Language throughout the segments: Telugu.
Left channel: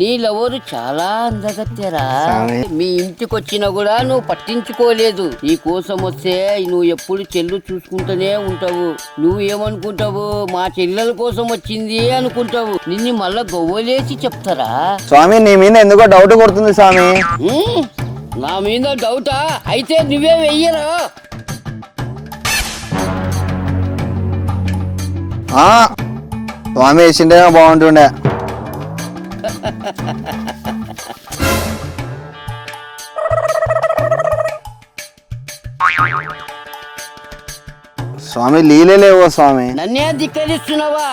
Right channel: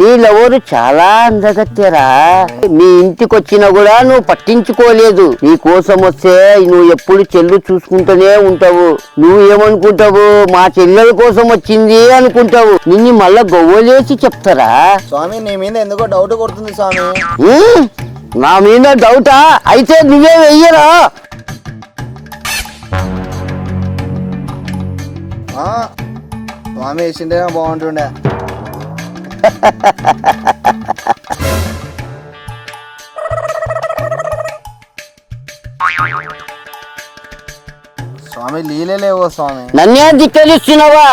నీ లవరు చాలా అందగత్తెరా. మీ ఇంటికి వచ్చినా కూడా నువ్వు పట్టించుకోలేదు. నీ కోసం వస్తే నువ్వు ఎప్పుడు చెల్లు చూసుకుంటూనే ఉంటావు. నువ్వు ఏమనుకుంటావు, మా చెల్లెల కోసం వచ్చింది అనుకుంటావు. నిన్ను మళ్ళా గొవ్వలేసి చెప్తారా? స్వామి నీ మీద ఎందుకో డౌట్ కొడుతుంది స్వామి. నా మీద డౌటా? అయితే నువ్వే వెయ్యరా. స్వామి వేసింటేనే బాగుంటుండే. స్వామి లీలేవో స్వామి. నన్నే దిక్కలిస్తున్నావా?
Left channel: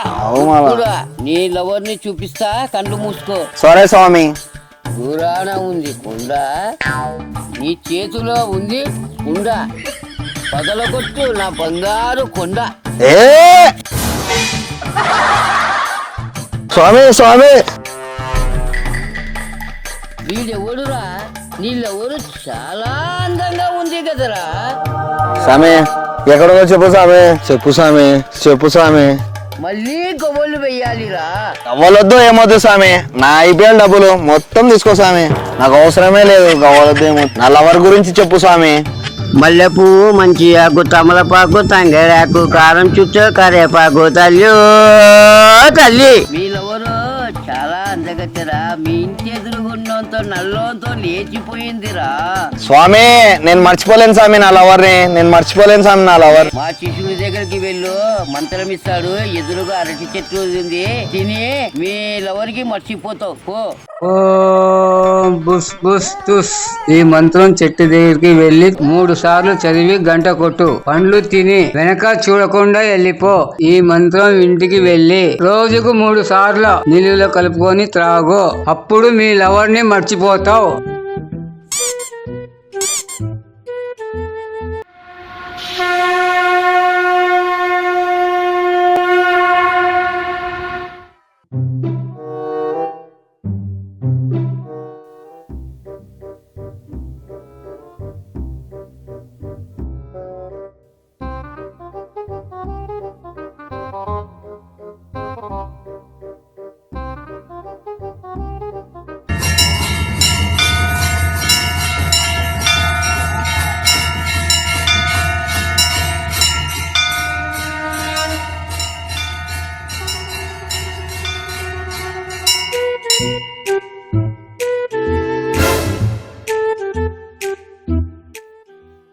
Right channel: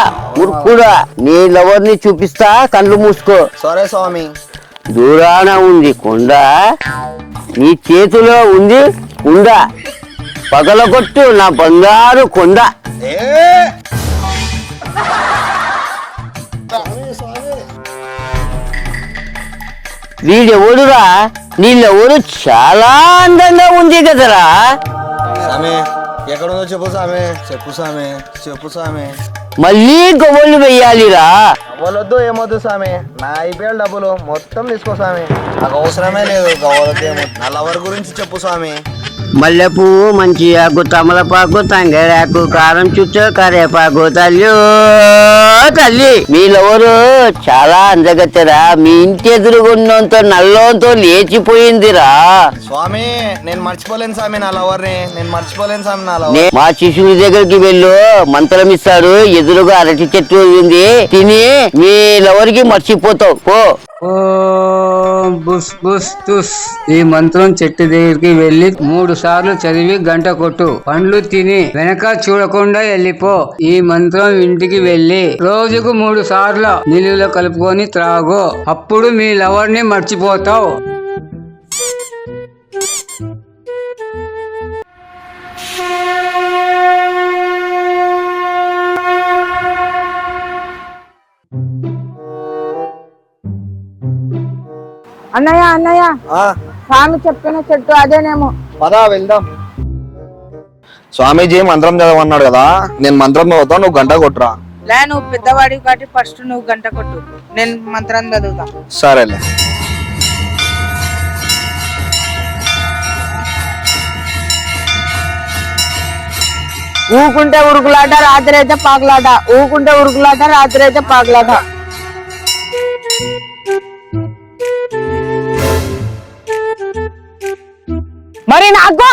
కూడా నీ లవర్ని చూపిస్తా, కళ్ళు మూసుకో. సరే స్వామి. దూరాన ఉంది కొండ, నీ చేతిలో ఉంది కుండ. పగలగొట్టు నా బంగారు కొండ. స్వామి స్వామి వీడెవడురా? నీళ్ళెవరు చాలా అందంగా ఉంది కదరా. స్వామి ఎక్కడో చెప్పు స్వామి. చెప్పు స్వామి, చెప్పు స్వామి. మళ్ళీ గొవ్వలు వెయ్యాలిరా. గవ్వలొద్దు ఏమొద్దు స్వామి. నా ఐపీఎల్ డబ్బులు మొత్తం తీసుకో స్వామి. నాకు అవసరమే లేదు గవ్వలొద్దేమో. నా లవర్ గురించి చెప్పు స్వామి. మల్లెపూ, మంచి ఆకు, తమలపాకు, తంగేరాకు, కారం చుట్టూ కరేపాకు. తల్లి తల్లి, మీరెవరు చాలా అందగత్తెరా. మీ ఇంటి ఎదురుగున్నంత నల్లంతో లేచిపోయిందిరా. స్వామి నేను మర్చిపోలేను స్వామి నా లవర్ని. నేను మర్చిపోలేను స్వామి నా లవర్. మా శిశువుని దగ్గరికి వెళ్ళు, మంత్రం ఇస్తాడు. ఎదురుగా అరటి చెట్టు ఉంది, తిని మీ లవర్కి మర్చిపోతావు. పో. ఓం బుస్ బుస్ తుస్. ఈ మంత్రం చెట్టు దగ్గరికి వెళ్లి 3 సార్లు చదివి గంట కొట్టు. పండ్లు తిని వెనక చూడకుండా వెళ్ళిపో. ఈ మంత్రం ఇంటికి వెళ్లి రోజుకు 3 సార్లు నీళ్ళలో కలుపుకొని త్రాగు. అప్పుడు మీ లవర్ ని మర్చిపోతావు. అన్నయ్య అన్నయ్య, స్వామి చెప్పిన చెట్టు అదేనేమో. పదా వెళ్దాం. స్వామీజీ మంత్రం చదవన్నాడు కదా, నేను మంత్రం చదువుతా, నువ్వు గంట కొట్టురా. లే, నువ్వు పెద్దవాడి కాబట్టి ఫస్ట్ నువ్వు గంట కొట్టు, నేను మంత్రం చదువుతా. సరేలే. ఊకుంటే ఉరుకులాట, రాత్రి అయితే పాకులాట. ఊకుంటే ఉరుకులాట, రాత్రి అయితే పాకులాట. మరి నాకు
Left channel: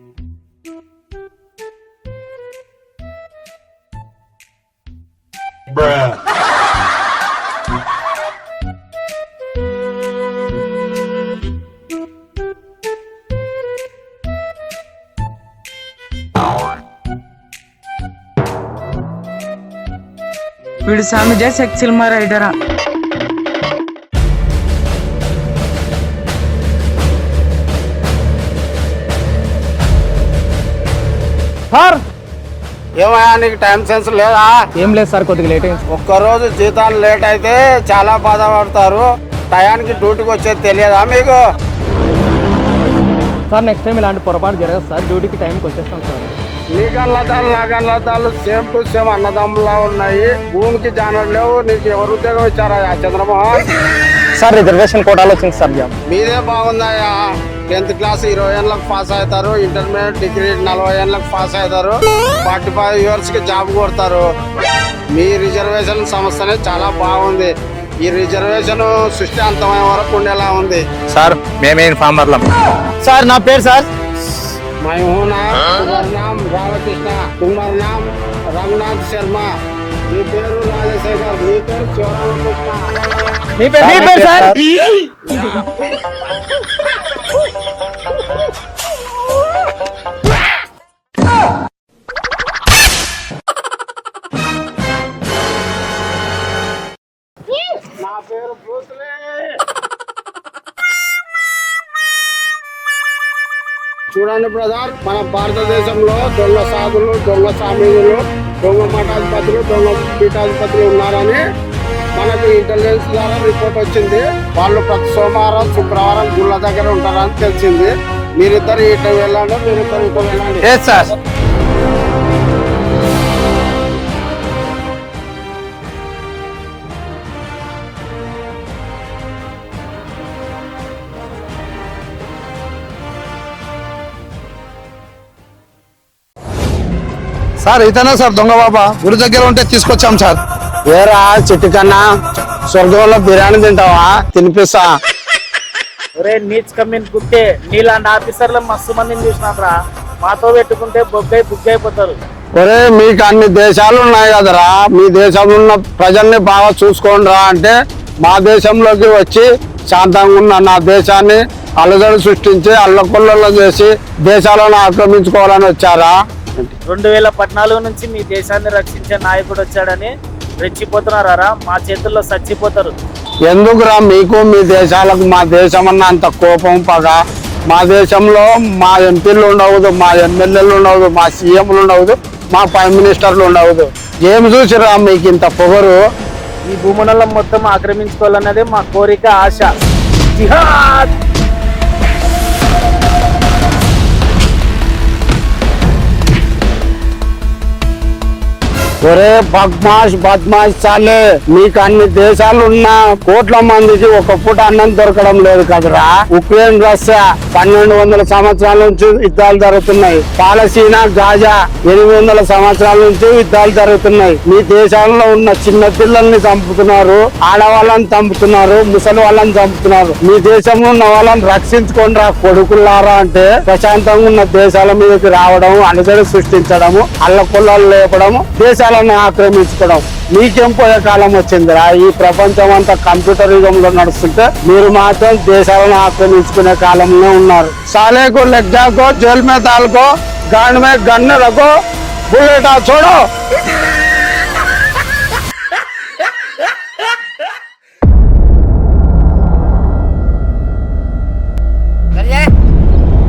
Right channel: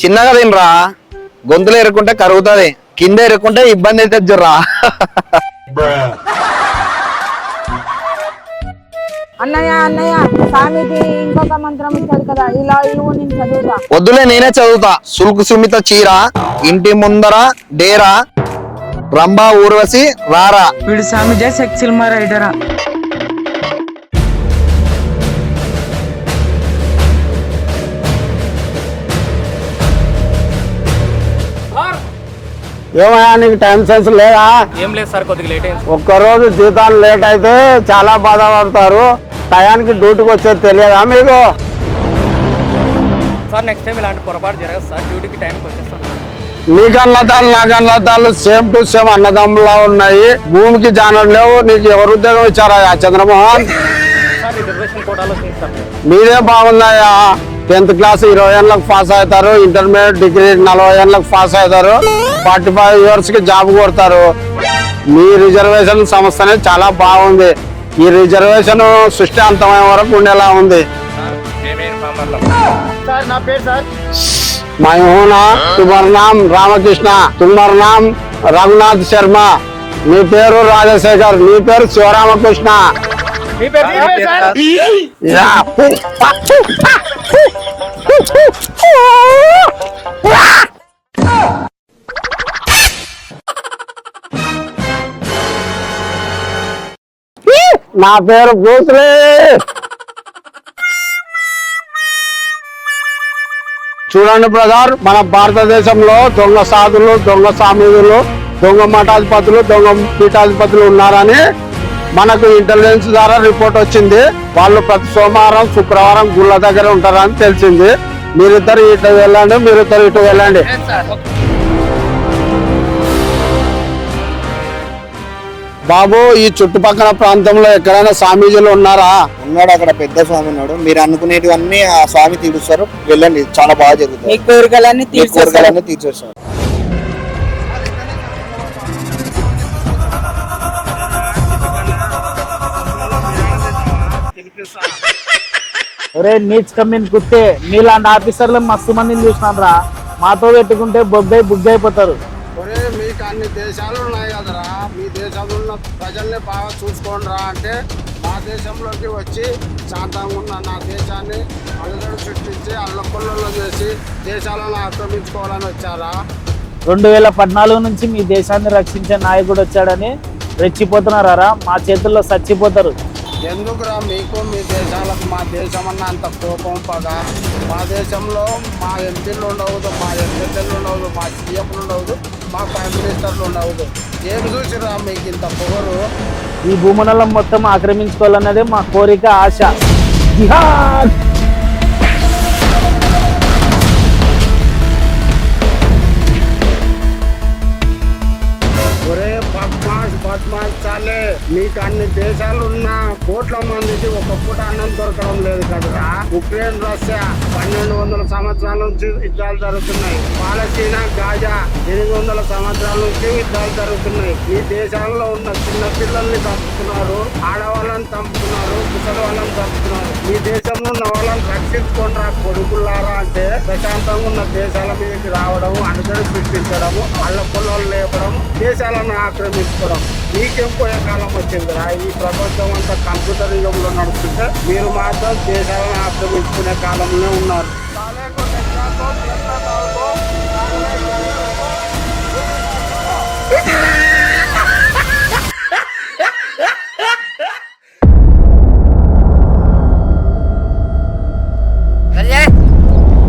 చిన్నగా తినరా, గొంతులు ఎరుకుంటే కరుగుతుంది, కింద ఎరుకుంటే ఇబ్బంది అయితే జుర్రా. అన్నయ్య అన్నయ్య, స్వామికి ఇంకొక మంత్రం ఇచ్చాడు కదా, ఇలా ఇవ్వు, నేను చదువుతా. వద్దులే నేనే చదువుతా. సుల్కు సుమిత చీర, ఇంటి ముందర డేరా, రంభా ఊర్వశి రారా. వీడు స్వామి జై సెక్సిల్ రైడరా. సార్ ఏమయ్యా, నీకు టైం సెన్స్ లేదా? ఏం లేదు సార్, కొద్దిగా లేట్ అయింది. ఒక్కరోజు జీతాలు లేట్ అయితే చాలా బాధపడతారు. టయానికి డ్యూటీకి వచ్చేది తెలియదా మీకు? సార్ నెక్స్ట్ టైం ఇలాంటి పొరపాటు జరగదు సార్. డ్యూటీకి టైంకి వచ్చేస్తాను సార్. నీ కన్నతాలు నా కన్నతాలు సేమ్ టు సేమ్ అన్నదమ్ములా ఉన్నాయి. భూమికి జానలు లేవు. నీకు ఎవరు ఉద్యోగం ఇచ్చారా చంద్రమోహన్? సార్ రిజర్వేషన్ కోటాలో వచ్చింది సార్ జాబ్. మీదే బాగుందయ్యా. 10th క్లాస్ 20 ఏళ్ళకి పాస్ అవుతారు, ఇంటర్మీడియట్ డిగ్రీ 40 ఏళ్ళకి పాస్ అవుతారు, 45 years కి జాబ్ కొడతారు. మీ రిజర్వేషన్ సంస్థనే చాలా బాగుంది. ఈ రిజర్వేషన్ సృష్టి అంతమైన వరకు ఉండేలా ఉంది. సార్ మేమే ఇన్ఫార్మర్లం. సార్ నా పేరు సార్ मैं हूं ना, तुम्हारा नाम रामकृष्ण, तुम्हारा नाम रघुनाथ शर्मा, నీ పేరు రాజశేఖర్, నీ పేరు శివరామకృష్ణ. మీ పేరు సార్? నా పేరు భూత్రే. చూడండి బ్రదర్, మన భారతదేశంలో దొంగ సాధులు, దొంగ సామీదులు, దొంగ మఠాధిపతులు, దొంగ పీఠాధిపతులు ఉన్నారని మనకు ఇంటెలిజెన్స్ ద్వారా రిపోర్ట్ వచ్చింది. వాళ్ళు ప్రతి సోమవారం శుక్రవారం గుళ్ళ దగ్గర ఉంటారని తెలిసింది. మీరిద్దరు ఇటు వెళ్ళండి, మీరిద్దరు ఇటు వెళ్ళండి. సార్ బాబు, ఈ చుట్టుపక్కల ప్రాంతంలో ఎక్కడైనా స్వామీజీలు ఉన్నారా? ఉన్నాడు, అక్కడ పెద్ద స్వామి ఉన్నాడు. మీరు అనుకునేటివన్నీ ఆ స్వామి తీరుస్తారు. వెళ్ళండి, చాలా బాగా జరుగుతుంది. మీ కోరికలన్నీ మీ కోరికలన్నీ తీర్చేస్తారు. సార్ ఇతనే సార్ దొంగ బాబా, గుడి దగ్గర ఉంటే తీసుకొచ్చాం సార్. ఏరా చెట్టు కన్నా, స్వర్గంలో బిర్యానీ తింటావా? తినిపిస్తా. ఒరే నీచ్ కమ్మిన్ కుత్తే, నీలాంటి ఆఫీసర్లు మస్తు మందిని చూసినాం రా. మాతో పెట్టుకుంటే బుగ్గు అయిపోతారు. ఒరే, మీకు అన్ని దేశాలు ఉన్నాయి కదరా, మీ దేశంలో ఉన్న ప్రజల్ని బాగా చూసుకోండి రా అంటే మా దేశంలోకి వచ్చి శాంతంగా ఉన్న నా దేశాన్ని అలజడి సృష్టించి అల్లకొల్లలో చేసి దేశాలను ఆక్రమించుకోవాలని వచ్చారా? 2014 నుంచి మీ దేశాన్ని రక్షించే నాయకుడు వచ్చాడని రెచ్చిపోతున్నారా? మా చేతుల్లో చచ్చిపోతారు. ఎందుకురా మీకు మీ దేశాలకు మా దేశం అన్న అంత కోపం పగ? మా దేశంలో మా ఎంపీలు ఉండవద్దు, మా ఎమ్మెల్యేలు ఉండవద్దు, మా సీఎంలు ఉండవద్దు, మా ప్రైమ్ మినిస్టర్లు ఉండవద్దు. ఏం చూసిరా మీకు ఇంత పొగరు? ఈ భూమండలం మొత్తం ఆక్రమించుకోవాలన్నది మా కోరిక, ఆశ. జిహాద్! ఒరే బద్మాష్ చాలే, మీకు అన్ని దేశాలు ఉన్న కోట్ల మందికి ఒక పూట అన్నం దొరకడం లేదు కదరా. ఉక్రెయిన్, రష్యా 1200 సంవత్సరాల నుంచి యుద్ధాలు జరుగుతున్నాయి. పాలస్తీనా, గాజా 800 సంవత్సరాల నుంచి యుద్ధాలు జరుగుతున్నాయి. మీ దేశాల్లో ఉన్న చిన్న పిల్లల్ని చంపుతున్నారు, ఆడవాళ్ళని చంపుతున్నారు, ముసలి వాళ్ళని చంపుతున్నారు. మీ దేశంలో ఉన్న వాళ్ళని రక్షించుకొని రా కొడుకులారా అంటే ప్రశాంతంగా ఉన్న దేశాల మీదకి రావడం, అణుదడి సృష్టించడము, అల్లకొల్లాలు లేపడము, దేశాలను ఆక్రమించుకోవడం. మీకేం పోయే కాలం వచ్చిందిరా? ఈ ప్రపంచం అంతా కంప్యూటర్ యుగంలో నడుస్తుంటే మీరు మాత్రం దేశాలను ఆక్రమించుకునే కాలంలో ఉన్నారు. సాలేకు లెగ్జాకో జైల్ మే తాలకో గాన్ మే గన్ను రకో బుల్లెటా చూడు.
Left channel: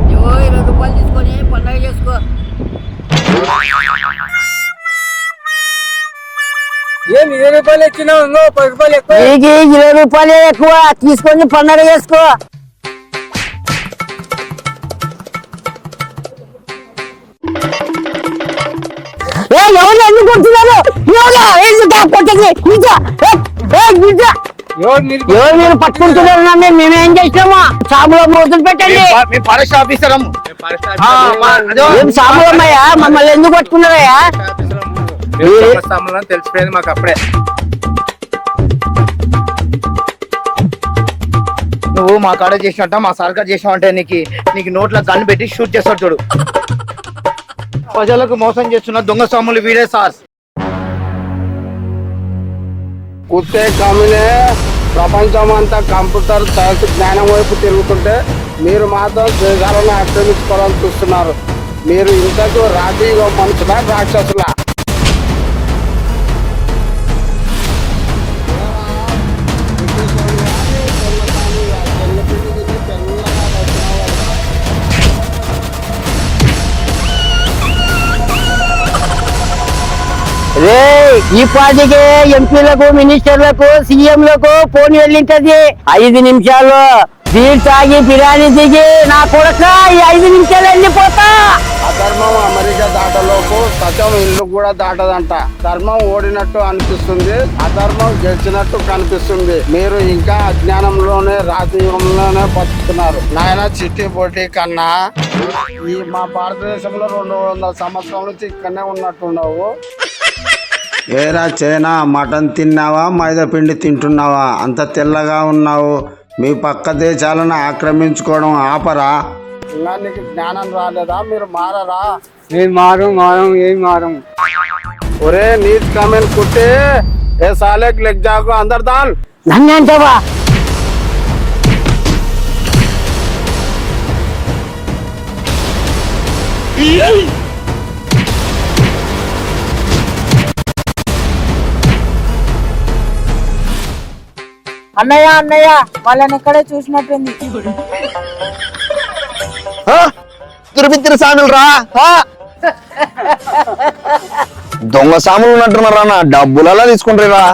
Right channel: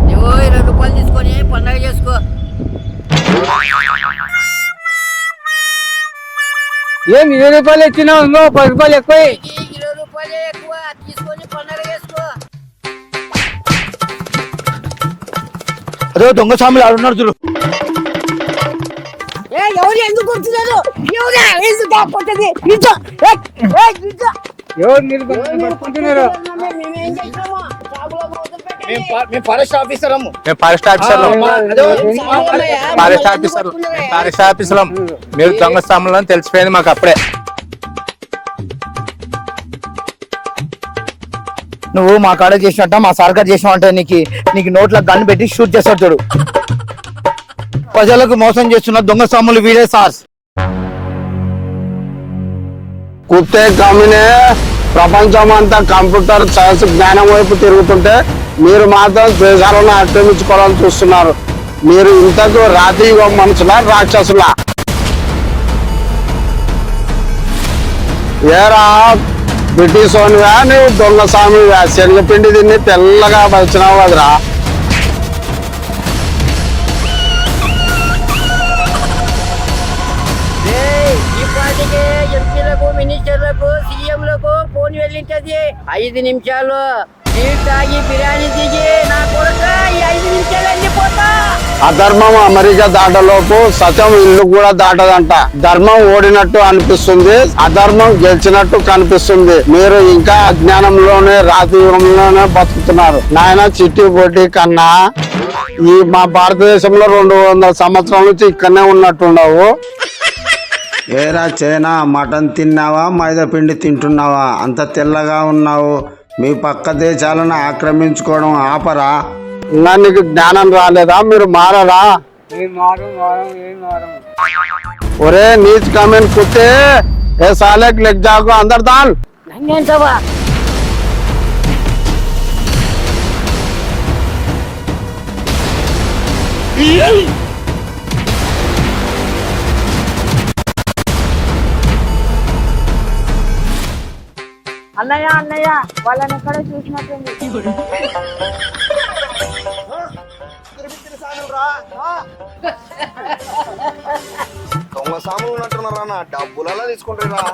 నువ్వు 20 రూపాయలు తీసుకొని పండగ చేసుకో. ఏం 20 రూపాయలు ఎక్కినావు? 10 రూపాయలు ఎక్కువ. 20 రూపాయలే ఎక్కువ, తీసుకొని పండగ చేసుకో. అరే దొంగ స్వాములు ఆడున్నారు చూడు. ఎవరు ఎందుకు కొడుతున్నారు? ఎవరు మీరు పట్టుకుంటున్నారు? మేమేం చేసినామా? సాబులో మొదలు పెట్టండి. ఫారెస్ట్ ఆఫీసర్ సాబులమ్మయ్యా, మమ్మల్ని ఎందుకు పట్టుకున్నారయ్యా? మీరు దొంగ తెలిసిపోయింది మాకు అప్పుడే. నువ్వు మా కాడ చేసినట్ట మా సర్కార్ చేసినావంటే నీకు నోట్ల గన్ పెట్టి షూట్ చేస్తాడు చూడు. ప్రజలకు మోసం చేస్తున్న దొంగ స్వాములు వీడే సార్. కుత్తే కమినే, ప్రపంచం అంతా కంప్యూటర్ సైన్స్ జ్ఞానం వైపు తిరుగుతుంటే మీరు మాత్రం దేశాలను ఆక్రమించుకోవాలని చూస్తున్నారు. మీరు ఇంతకు రాతి యుగ మనుషుల, రాక్షసుల? ఏరా బ్రిటిష్ వానివా నువ్వు దొంగ స్వామివా? శనగపిండి తిని తెల్లగా వచ్చినావు కదరా. రే, ఈ పాటికే ఎంపీలకు, మినిస్టర్లకు, సీఎంలకు ఫోన్ వెళ్ళింటది. 5 నిమిషాలు బీర్ తాగి బిర్యానీ దిగి నా కొడుక ఈ 5 నిమిషాలు వెళ్ళిపోతా. అధర్మం అమెరికా దాటలోపు సత్యం ఇల్లు కూడా దాటదంట. ధర్మం ఓడినట్టు అనిపిస్తుంది, అధర్మం గెలిచినట్టు కనిపిస్తుంది. మీరు ఇంకా అజ్ఞానంలోనే, రాతి యుగంలోనే బతుకుతున్నారు. నాయన చిట్టి పొట్టి కన్నా ఈ మా భారతదేశంలో 200 సంవత్సరాల నుంచి ఇక్కడనే ఉన్నట్టున్నావు. ఏరా చైనా, మటన్ తిన్నావా మైదా పిండి తింటున్నావా? అంత తెల్లగా ఉన్నావు. మీ పక్క దేశాలను ఆక్రమించుకోవడం ఆపరా. ఇంకా నీకు జ్ఞానం రాలేదా? మీరు మారరా? ఏం మారం. ఒరే నీచ్ కమెంట్ కుట్టే, ఏ సాలేక్ లెగ్ జాకు అందరు దాల్. నన్ను అంటావా? అన్నయ్య వాళ్ళని ఎక్కడే చూసినట్టుంది. తిరుపతి సాములు రా. దొంగ సాములు ఉన్నట్టున్నారా? నా డబ్బులలో తీసుకుంటారా?